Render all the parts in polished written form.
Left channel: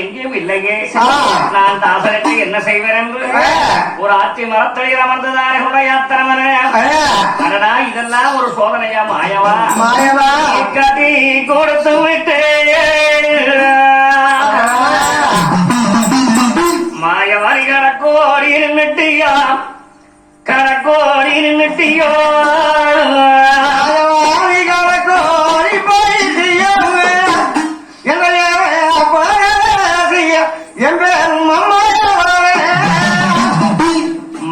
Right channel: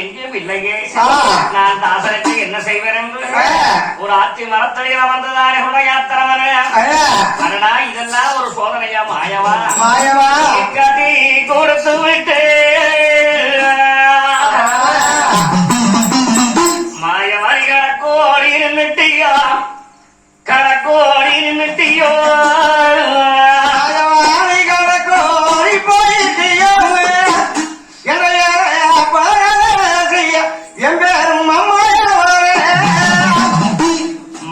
எங்கேயும் இல்லையே. நான் தாசனுக்கு என்ன செய்வேன் என்று ஒரு ஆத்தி மரத்தடியில வந்ததானே யாத்திரமன. இதெல்லாம் ஒரு சோதனையா மாயவா கதி கொடுத்து விட்டு மாயவாரி கடக்கோடி நின்னுட்டியா கடக்கோடி நின்னுட்டியோ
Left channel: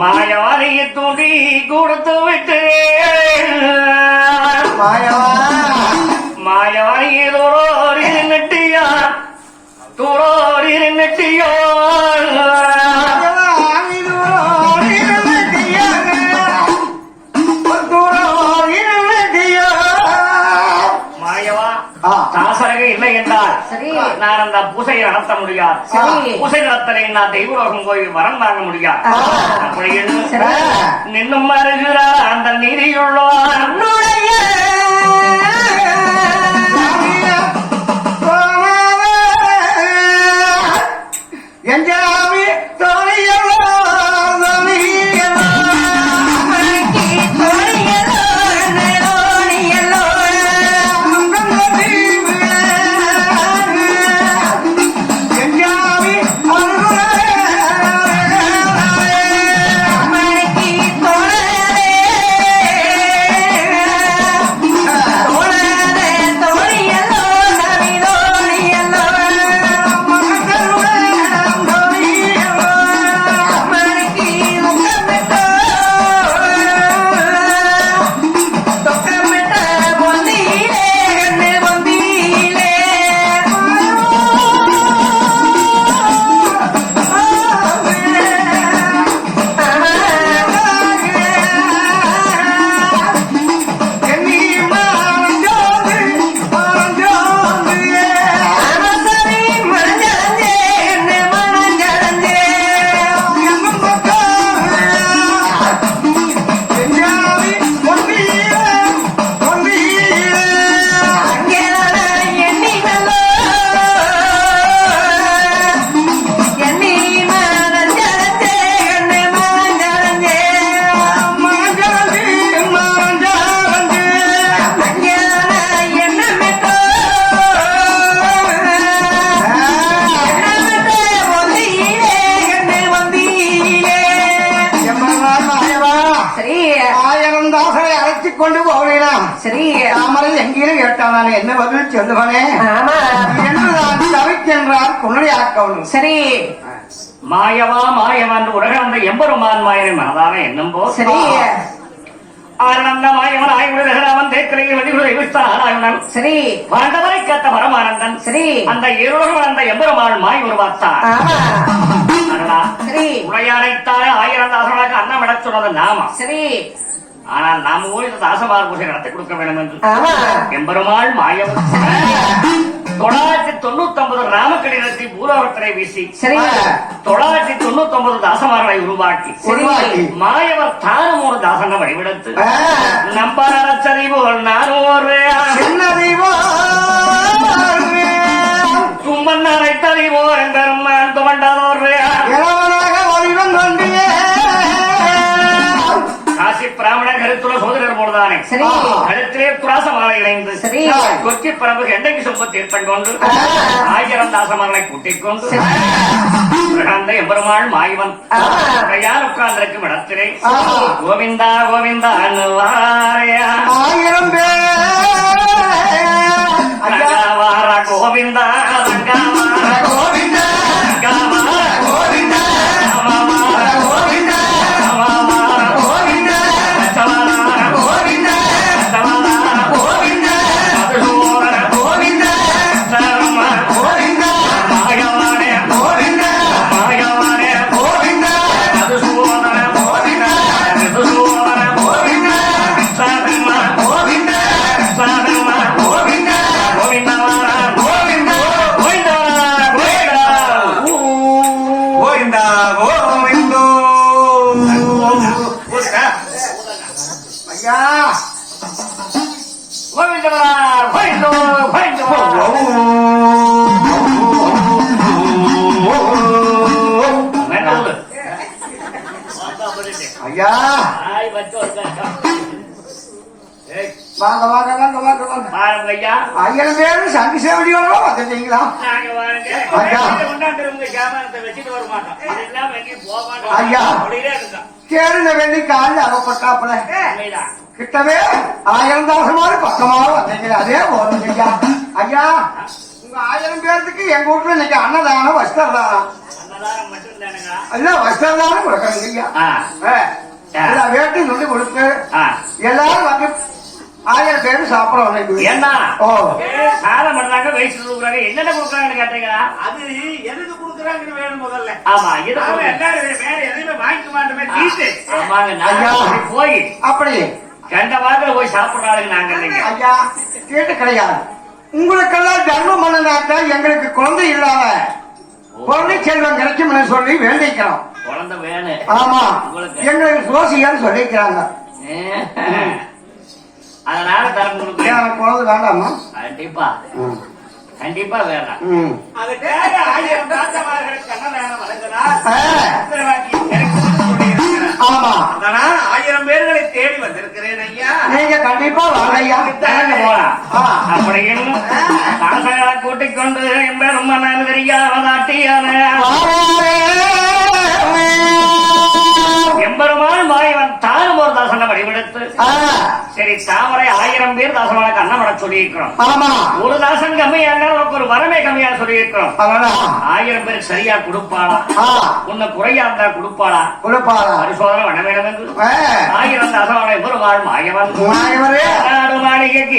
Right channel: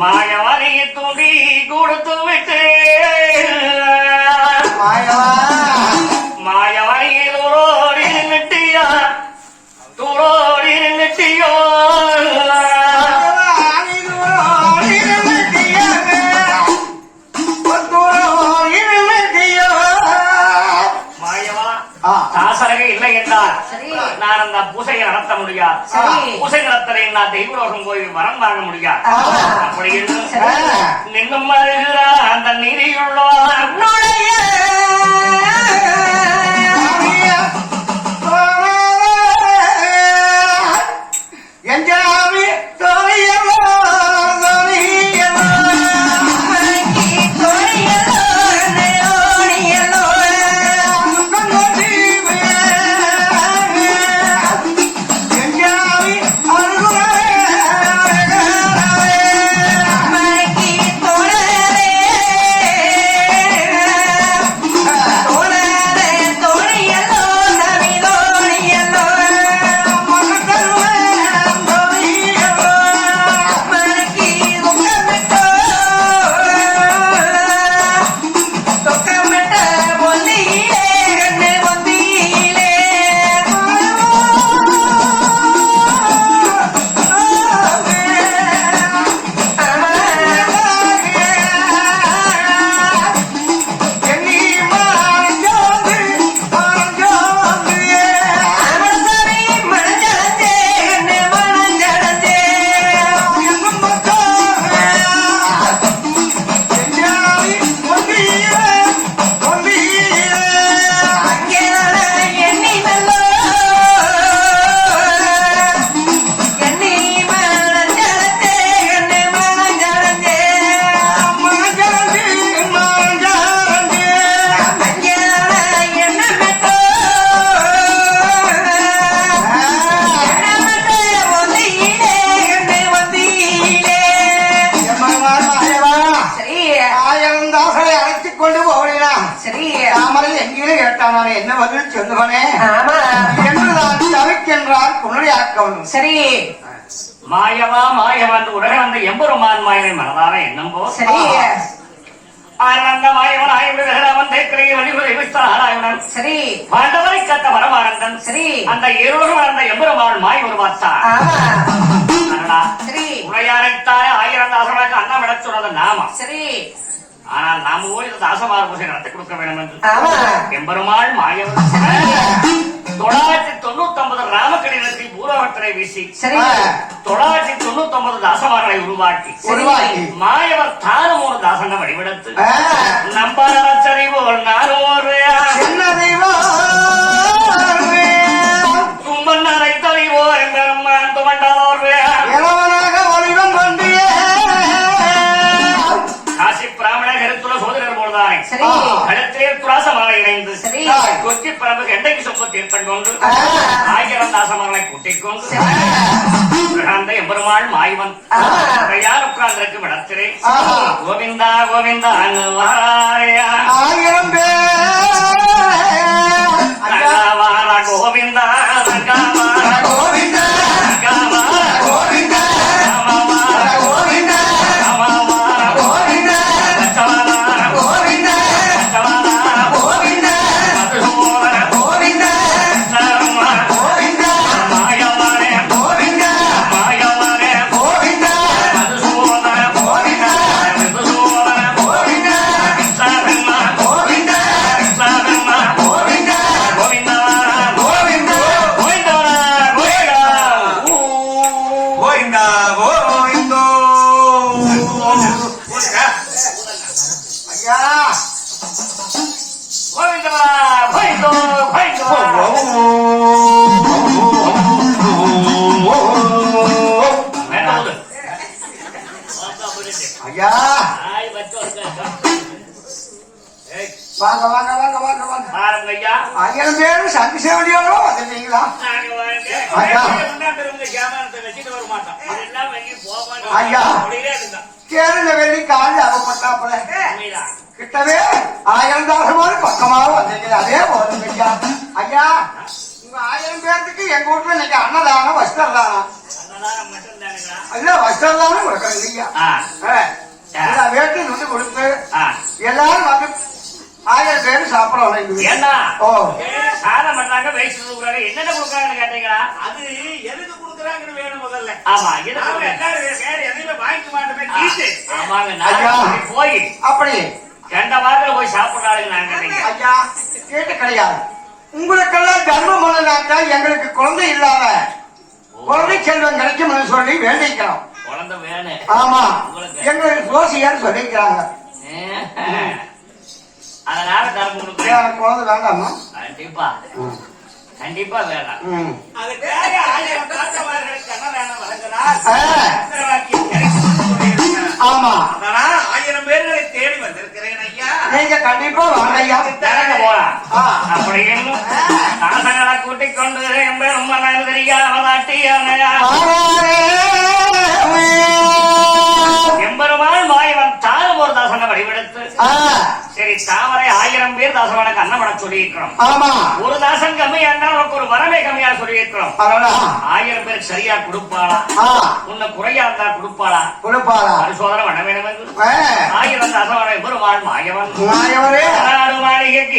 மாயவாரியை தூண்டி கொடுத்து விட்டு மாயவாரி தோரோடி நின்னுட்டியா தோரோடி நின்னுட்டியோ இல்லை என்றால் நான் அந்த பூசையை நடத்த முடியாது. பூசை நடத்தலை நான் தெய்வலோகம் போய் வரம் தாங்க முடியாது. அப்படி நின்னும் வருகிறார் அந்த நீதியுள்ளார் சரி மாயவா மாயவன் உலகந்த எம்பெருமான் மாயவன் அதான என்னம்போ சரி ஆனந்த மாயவன் ஆய்வுடன் தேத்திரையில் வழிமுறை விஸ்தாராயணன் சரி பாண்டவரை காத்த பரமானந்தன் சரி அந்த இருவரும் அந்த எம்பெருமான் மாய் உருவாத்தார் சரி உரையாரைத்தார 1000 தாசர்களுக்கு அன்னம் விட சொன்னது நாம சரி ஆனால் நாம போய் தாசமார் பூஜை நடத்தி கொடுக்க வேண்டும் என்று எம்பெருமாள் மாயவன் 999 ராமக்கடிதத்தை பூலோகத்திலே வீசி 999 தாசமார்களை உருவாக்கி மாயவர் தானும் ஒரு தாசனை வழிபடுத்து நம்பாச்சரி போல் நானூறு கும்பன் அனைத்தறிவோ என்பெருமான் துவண்டோர் காசி பிராமண கருத்துள்ள சோதரர் போலதானே கருத்திலே குராசமாலை இணைந்து கொக்கி பரம்பு எண்ணெய் சொப்ப தீர்த்தம் கொண்டு 1000 தாசமார்களை கூட்டிக் கொண்டு பிரகந்த எம்பெருமாள் மாயவன் உட்கார்ந்திருக்கும் இடத்திலே கோவிந்தா கோவிந்தா கோவிந்தா ஆயிரம் பேரும் சந்தி சேவடியோட வந்துட்டீங்களா? நாங்க வாங்க கொண்டாந்து கேமானத்தை வச்சுட்டு வர மாட்டோம். இதெல்லாம் வாங்கி போக மாட்டோம். ஐயா. அப்படியே இருந்தான் கேளுங்க வேண்டி காலையில் அதை பட்டாப்பட உண்மைதான். கிட்டவே 1000 தாசமாறு பக்கமாக வந்தீங்க. அதே போதும் ஐயா. ஐயா உங்க 1000 பேர்த்துக்கு எங்க வீட்டுல இன்னைக்கு அன்னதானம் வஸ்திரதானம் அன்னதானம் மட்டும் தானுங்களா? இல்ல வஸ்திரதானம் கொடுக்குறீங்க ஐயா. எல்லா வேட்டையும் சொல்லி கொடுப்பேன். எல்லாரும் வந்து 1000 பேர் சாப்பிடணும். ஏன்னா ஓ சாதம் பண்றாங்க வயசு கொடுக்குறாங்க. என்னென்ன கொடுக்குறாங்கன்னு கேட்டீங்களா? அது எதுக்கு கொடுக்குறாங்கன்னு வேணும் முதல்ல. ஆமா வேற எதுவுமே வாங்கிக்க மாட்டோமே. ஆமாங்க நாங்க போய் அப்படி கண்ட வாக்கில போய் சாப்பிடுறாங்க. நாங்க இல்லைங்க ஐயா கேட்டு கிடையாது. உங்களுக்கெல்லாம் தர்மம் பண்ணாக்கா எங்களுக்கு குழந்தை இல்லாத குழந்தை செல்வம் கிடைக்கும்னு சொல்லி வேண்டிக்கிறோம். குழந்தை வேணும். ஆமா உங்களுக்கு எங்களுக்கு சோசியல் சொல்லிக்கிறாங்க. அதனால தரம் கொடுக்குறேன். குழந்தை வேண்டாமா? கண்டிப்பா கண்டிப்பா வேண்டாம். அதுக்காக 1000 தாத்தமார்களுக்கு அன்னதானம் வழங்கினார். ஆமா 1000 பேர்களை தேடி வந்திருக்கிறேன் ஐயா. நீங்க கண்டிப்பா ஐயா அப்படியும் தாசகளை கூட்டிக் கொண்டு என் பேரும் எம்பெருமாள் மாயவன் தானும் ஒரு தாசனை வடிவெடுத்து சரி தாமரை 1000 பேர் தாசனுக்கு அன்னவட சொல்லியிருக்கிறோம். ஒரு தாசன் கம்மியா இருந்தாலும் ஒரு வரமே கம்மியா சொல்லியிருக்கிறோம். 1000 பேர் சரியா கொடுப்பாளா? உன்னை குறையா இருந்தா கொடுப்பாளா? பரிசோதனை வட வேண்டும் என்று 1000 தாசவனை பெருமாள் மாயவன் மாளிகைக்கு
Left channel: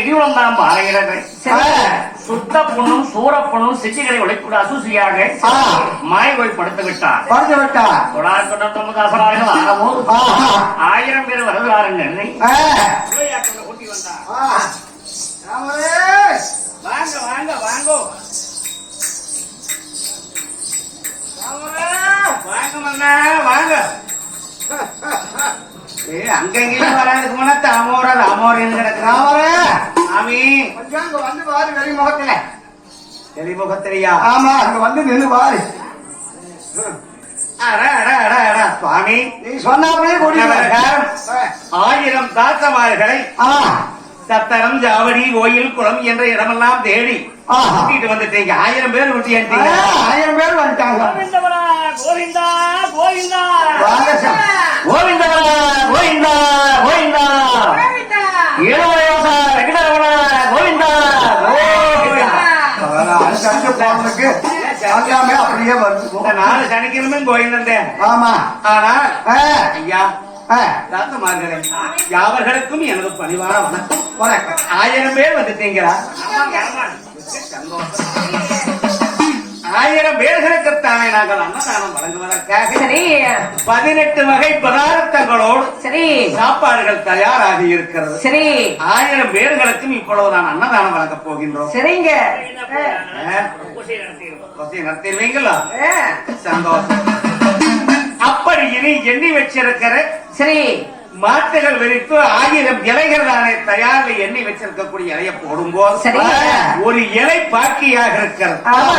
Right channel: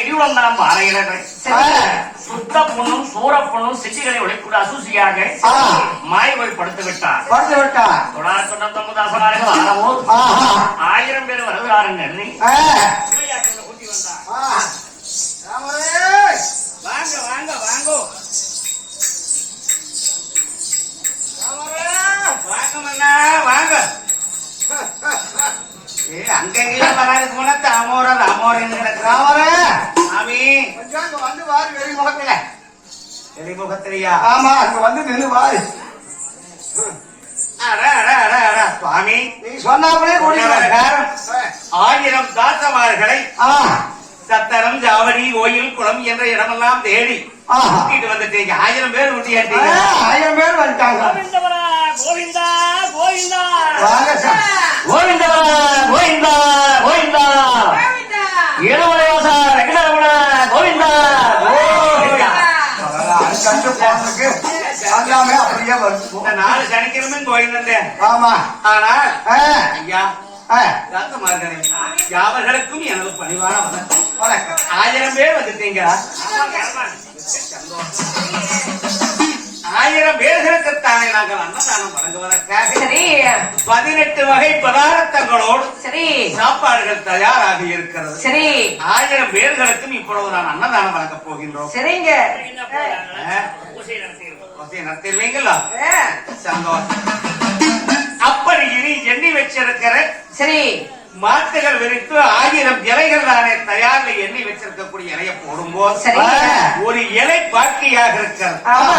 இடியுடன் பாலையிடங்கள் சுத்த பொண்ணும் சூரப்பொண்ணும் சித்திகளை ஒழிக்கூட அசூசியாக மாயவள் படுத்து விட்டார். 999 1000 பேர் வருகிறாருங்க. ஊட்டி வந்தார். வாங்க வாங்க வாங்கோ வாங்க மன்னா வாங்க. அங்கெல்லாம் வராது போனா அமோராது அமோரன்னு கிடக்குறான். சாமி கொஞ்சம் வந்து பாரு வெளிமுகத்துல. வெளிமுகத்திலையா? ஆமா அங்க வந்து நின்று பாரு. சுவாமி நீ சொன்னாலே 1000 தாத்தமார்களை சத்தரம் ஜாவடி கோயில் குளம் என்ற இடமெல்லாம் தேடி கூட்டிட்டு வந்துட்டீங்க. 1000 பேர் கூட்டியாட்டீங்க. 1000 பேர் வந்துட்டாங்க. கோவிந்தா கோவிந்தா கோவிந்தா நாலு சனிக்கிழமை கோயிந்தேன். ஆமா ஆனா ஐயா தாத்தமார்களே யாவர்களுக்கும் எனது பணிவான வணக்கம். 1000 பேர் வந்துட்டீங்களா? 1000 பேர்களுக்குத்தானே நாங்கள் அன்னதானம் வழங்குவதற்காக 18 வகை பதார்த்தங்களோடு சாப்பாடுகள் தயாராக இருக்கிறது. 1000 பேர்களுக்கும் இப்பொழுது நான் அன்னதானம் வழங்கப் போகின்றோம். சரிங்க நடத்திடுவீங்களா? சந்தோஷம். அப்படி இனி எண்ணி வச்சிருக்கிற மாட்டுகள் விரித்து 1000 இலைகள் தானே தயாரில் எண்ணி வச்சிருக்கக்கூடிய இலையை போடும்போது சரி. ஒரு இலை பாக்கியாக இருக்கிறது. ஆமா.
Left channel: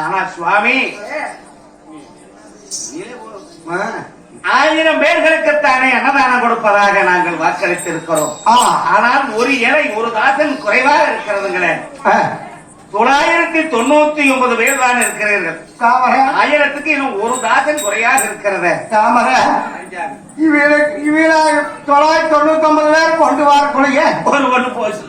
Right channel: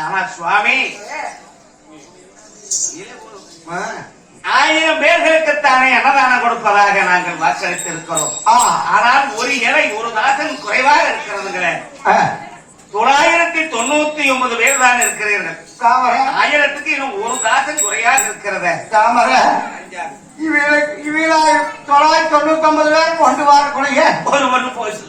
ஆனா சுவாமி ஆ. 1000 பேர்களுக்குத்தானே அன்னதானம் கொடுப்பதாக நாங்கள் வாக்களித்திருக்கிறோம். ஆ. ஆனால் ஒரு இலை ஒரு தாசன் குறைவாக இருக்கிறதுங்களே. 999 பேர் தான் இருக்கிறீர்கள். தாமரை 1000க்கு இன்னும் ஒரு தாசன் குறையாக இருக்கிறது. தாமரை இவீழ 999 பேர் கொண்டு வரக்கூடிய ஒரு ஒன்று போச்சு.